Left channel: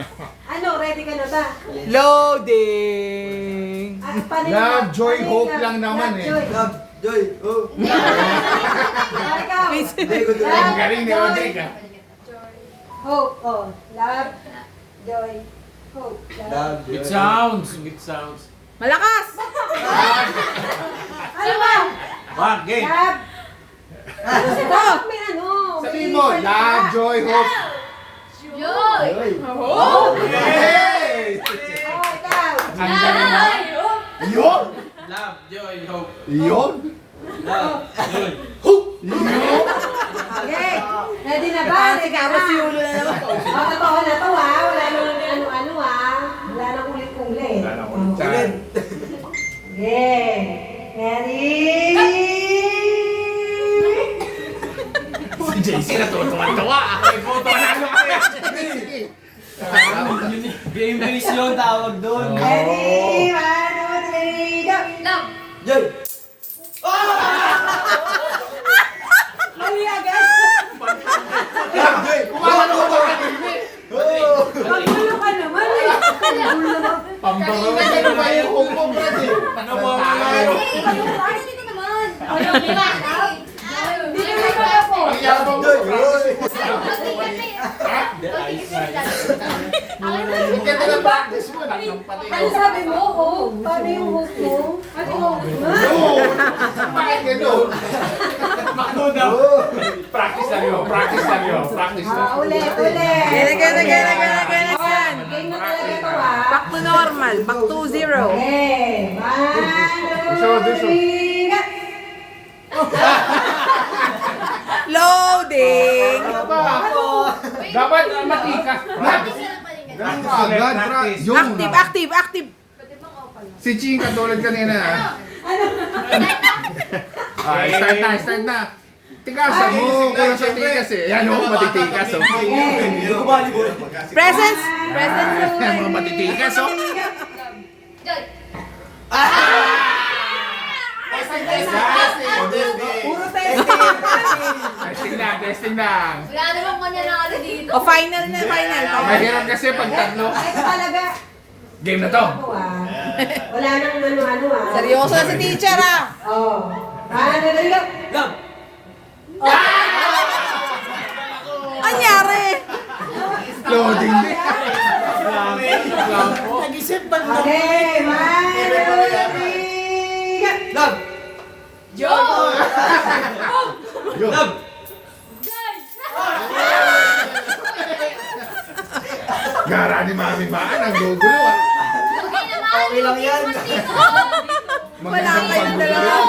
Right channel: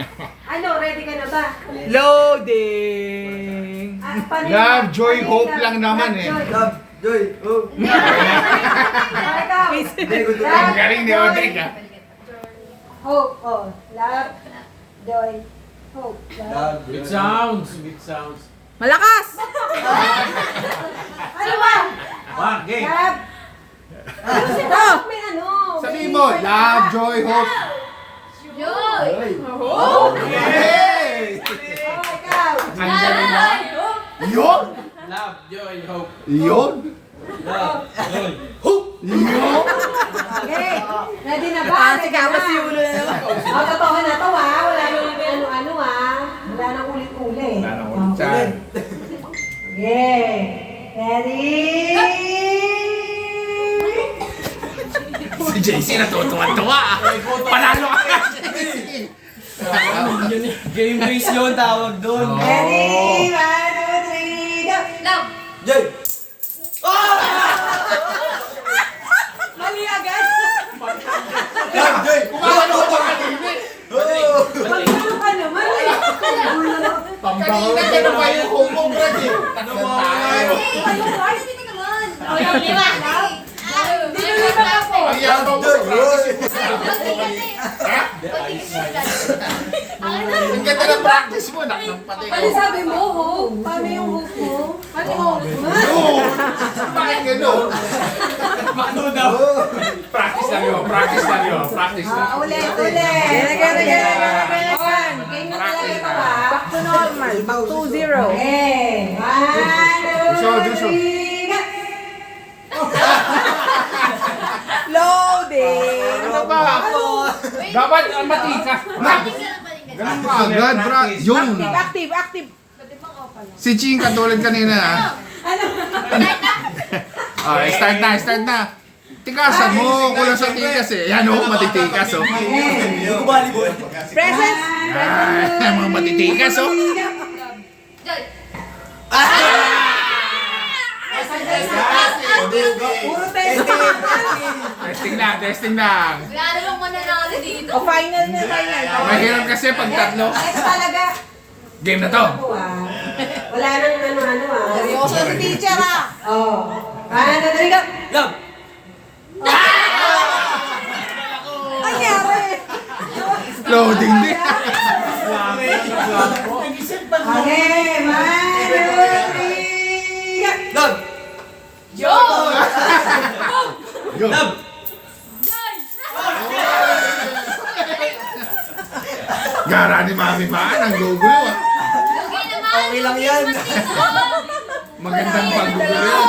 Ano, ready ka na ba? Loading! Love, joy, hope lang naman eh. Love, joy, hope. Ang galing ni Odrick ah. Hope, oh. Love, joy, hope. Love, joy. Big sounds, big sounds. Malakas! Ano ba? One, game. Love. Ano si Love? May ano. Sabihin mo, love, joy, hope. Joy. Hey! Oh, ikaw. Ang galing na. Yun! Love, joy, hope. Yun! Love, joy. Yun! Okay. Ready na ba? Ah, si Kama si Yulo na naman. Magkatawa na to ha. Wala nang may ano-ano ha. Wala nang ulit-ulit. Wala nang ulit dyan. Yeah. Ready? Si JC natutuwa-tuwa. Panalo ka kaya. Game base yun, tawag doon. Ready? 1, 2, 3, go! Love! Joy! Mali agad. Love, joy! Kumano ko ba kanina? Magulong ka naman eh. Kanina ka na ba yung humong brad eh? Ano mo? Arinig ka naman! Hindi na rin ako. Ang yabang mo. Joy, hoy! Ang ganda ng practice mo. Nakapati Ano ko. sabi mo, hope? Paano yung hope mo? Ano hope mo? Oo! Bakit gano'n? Manood daw. Practice lang yun. Practice lang yun. Practice lang. Ulit, ulit. Again. Game na talaga ito ha. Back to normal. Back to zero. Okay. 1, 2, 3, go! Loading! Ano ba? Dapat matikas. Ganun ka agad, bra. Yun. Active. Si Ching katulad kanina. Okay, start na. Tikasan mo. Kulang sa tikas eh. Yan o, matitikas o. Hindi ko bali, boy. Presents! Ay, mga matitikas o. Joy! Puro testing. Testing lang. Wala namang mananalo dito. O final na final. Mahirap kasi pag tatlo. Next talaga. Game na to. Ako ah. Wala nang ano-ano ah. Seryoso si teacher ah. Oh. 1, 2, 3, go! Love! Anyari? Loading din. Okay. 1, 2, 3, go! Love! Joy! Love! Gara ni Mami ba? Ang gugulo ah. Okay lang yan. Magandang paggugulo.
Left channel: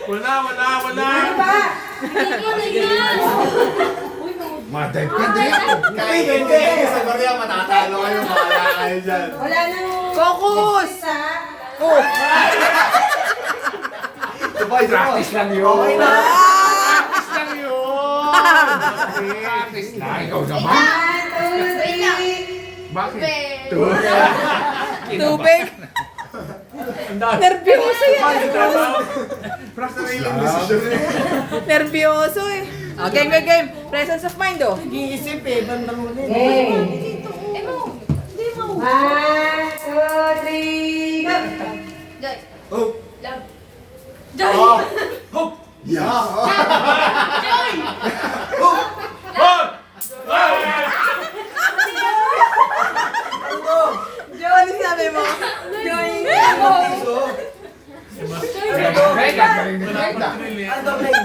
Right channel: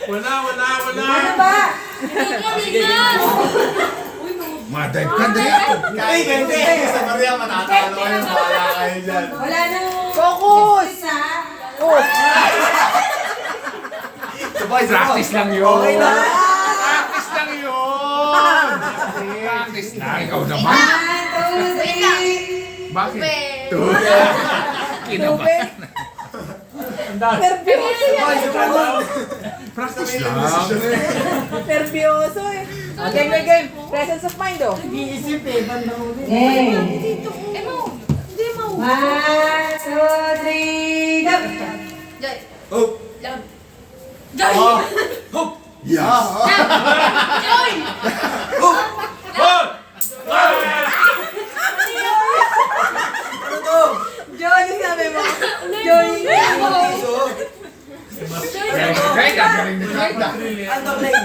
Wala. Ano ba? Madive ka din. Ay, hindi! Sa Maria, matatalo kayo. Mahala kayo dyan. Wala nang Focus! isa. Oh! Sabay, Practice lang yun. Okay na. Practice lang yun. Practice lang. Ikaw naman. 1, 2, 3. Bakit? Tubig! Nervyoso yan! Practice lang. Nervyoso eh. Oh, game. Presence of mind oh. Okay. Ano? Hindi mo. 1, 2, 3, go! Joy! Hope! Love! Joy! Hope! Yeah! Joy! Hope! Ano to? Joy, ano sabi mo? Joy! So, Right, galing ni Right. underline.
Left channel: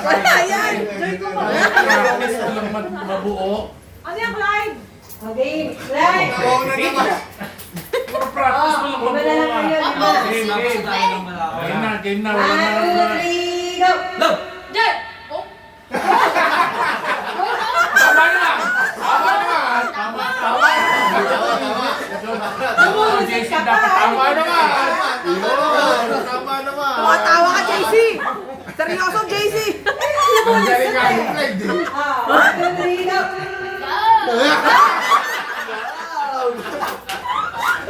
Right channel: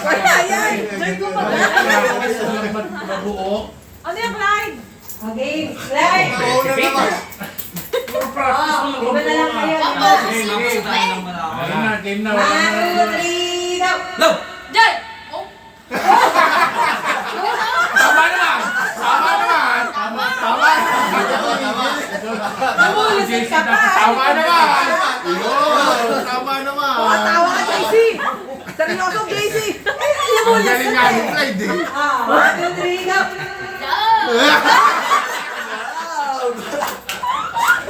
Wala yan! Mabuo. Ano yung Clyde? Okay, Clyde! Practice mo Iba na lang kayo. Game na. 1, 2, 3, go! Love! Joy! Oh! Tama naman. Tama naman. Tama naman. Tama naman. Tawa ka, JC! Seryoso, JC! Ang galing nga yung Clyde eh. 1, 2, 3, go!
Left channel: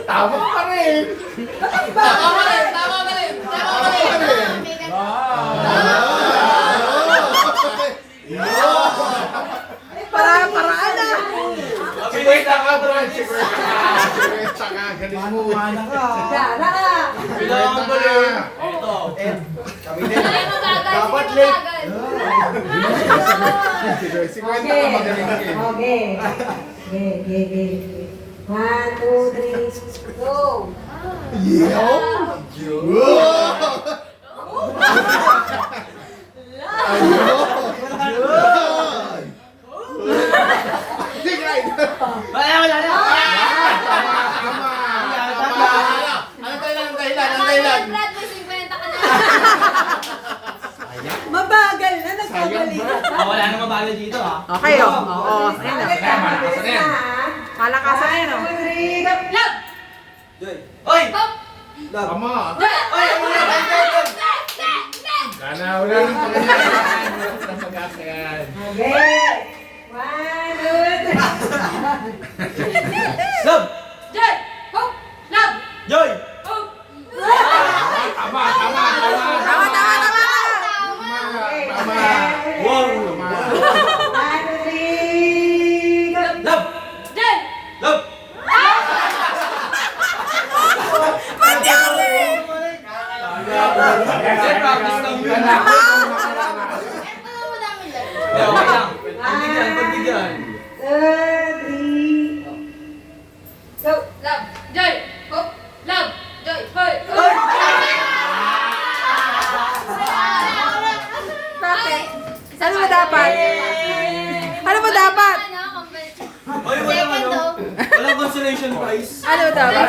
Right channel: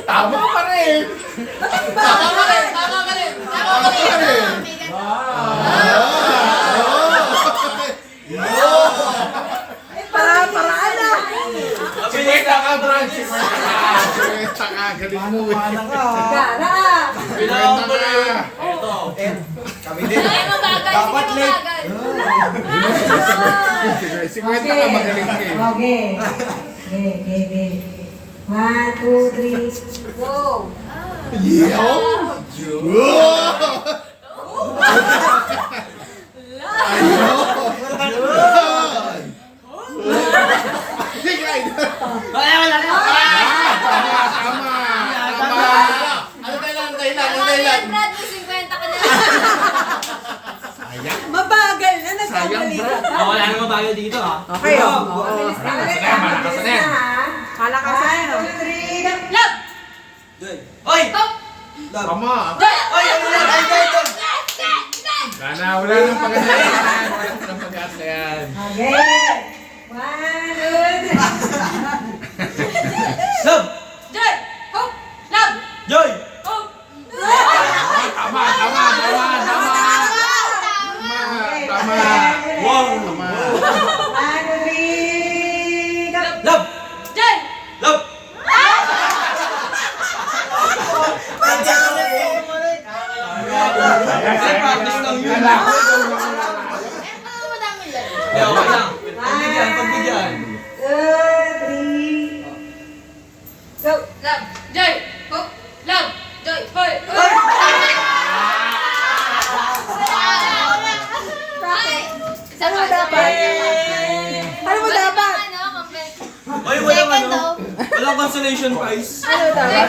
Tama pa rin. Tama ka rin! Tama ka rin! Paraan na! Wait lang ha, Brad. galing mo eh. Gara ka. Kailangan ko rin. Eto. Kami din. Ay, mabagal. Dapat Sige, late. mabagal. Sige, si Kwenta ka magaling ka eh. Okay. Okay. 1, 2, 3, go. Wala na. Tama. Ano dahilan? Ano dahilan? Brad, may 50 ka na. Mabagal na, nagkamali ka pa. Wala na mabagal dito ha. Okay, oh. Oo, ayun na. Malakas na yan. Palakasan na yun, oh. 1, 2, 3, go. Love. Oy! Hop. Tama. Joy. Oy! Sana, wala nang pag-asa yan. Wala nang pag-asa yan. Okay. 1, 2, 3. Love! Joy. Hop. Love. Joy! Hop. Tama. Tama. Wow! 1, 2, 3, go. Love! Joy. Love! Hindi, practice lang yun. Ano mo namin lang? Hindi, okay lang. Pagbigyan, pagbigyan. 2, 3, go. Love. Joy. Hop. Love. Joy. Hoy. Hoy. Bakit? Ano mo dapat? Ano mo dapat? Oy, walang consolation prize. Ano dapat?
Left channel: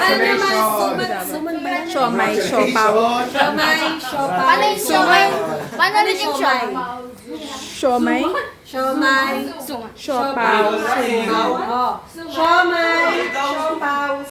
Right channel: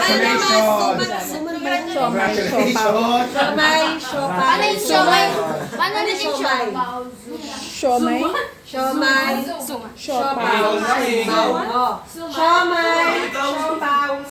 Siomay, Siopaw. siomay. Paano yung siomay? Paano rin yung siomay? Siomay. Siomay. Siopaw. Oh. Siomay. Ikaw.